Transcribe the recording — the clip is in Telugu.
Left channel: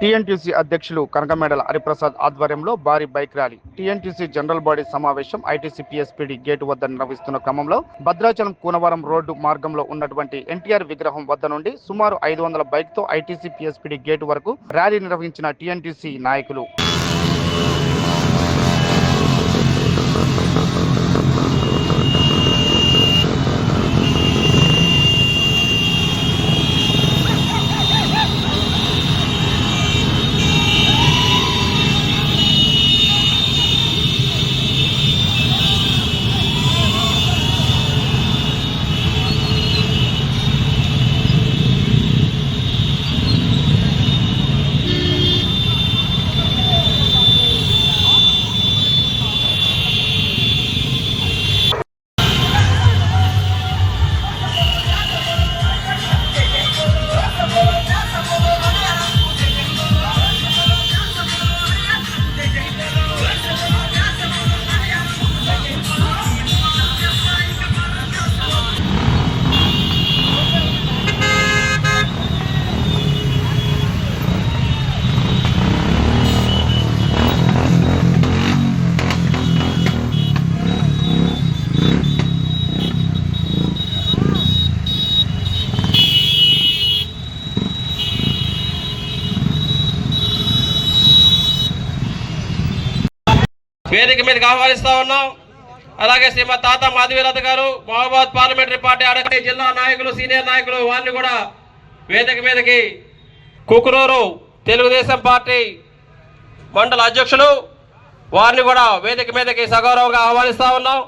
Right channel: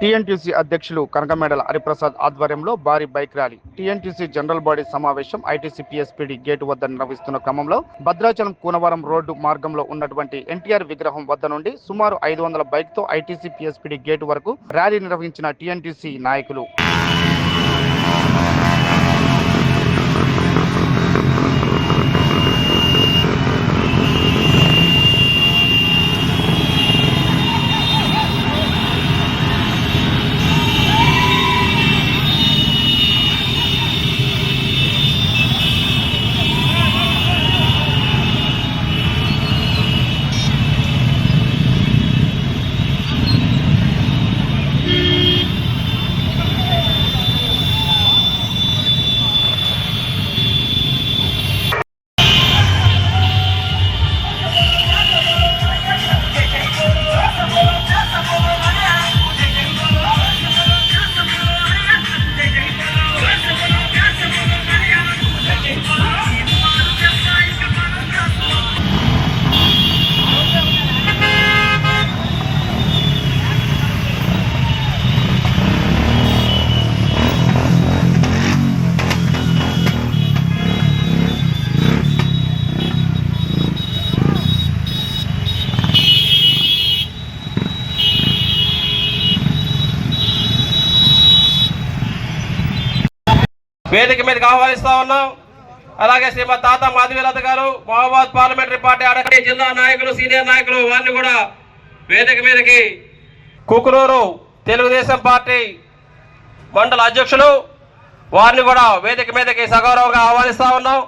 టీఎన్టీసీ అధ్యక్షులు కనకమేడల హరిప్రసాద్ ఆధ్వర్యంలో భారీ bike rally. TNTC general body సమావేశం ఐటీసీ పీఎస్పీడీ గేటు వద్ద నిర్వహిస్తున్న క్రమంలో భద్రాచలం కూనవరం రోడ్డు మార్గంలో ఉన్నటువంటి ఎన్టీఆర్ విగ్రహం వద్ద నుండి సుమారు 500 బైక్తో ఐటీసీ పీఎస్పీడీ గేటు వరకు ర్యాలీ నిర్వహించిన టీఎన్టీసీ నాయకులు. వేదిక మీదకి ఆహ్వానిస్తా ఉన్నాం. అలాగే శ్రీమతి తాత మాధవీలత గారు మహబూబాబాద్ పార్లమెంటరీ పార్టీ అడగ జిల్లా నాయకులు సీనియర్ నాయకులు వారిని కూడా వేదిక మీదకి కుకునూరు తెలుగుదేశం పార్టీ మండల అధ్యక్షులు వారిని కూడా వేదిక మీదకి సగౌరవంగా ఆహ్వానిస్తా ఉన్నాం.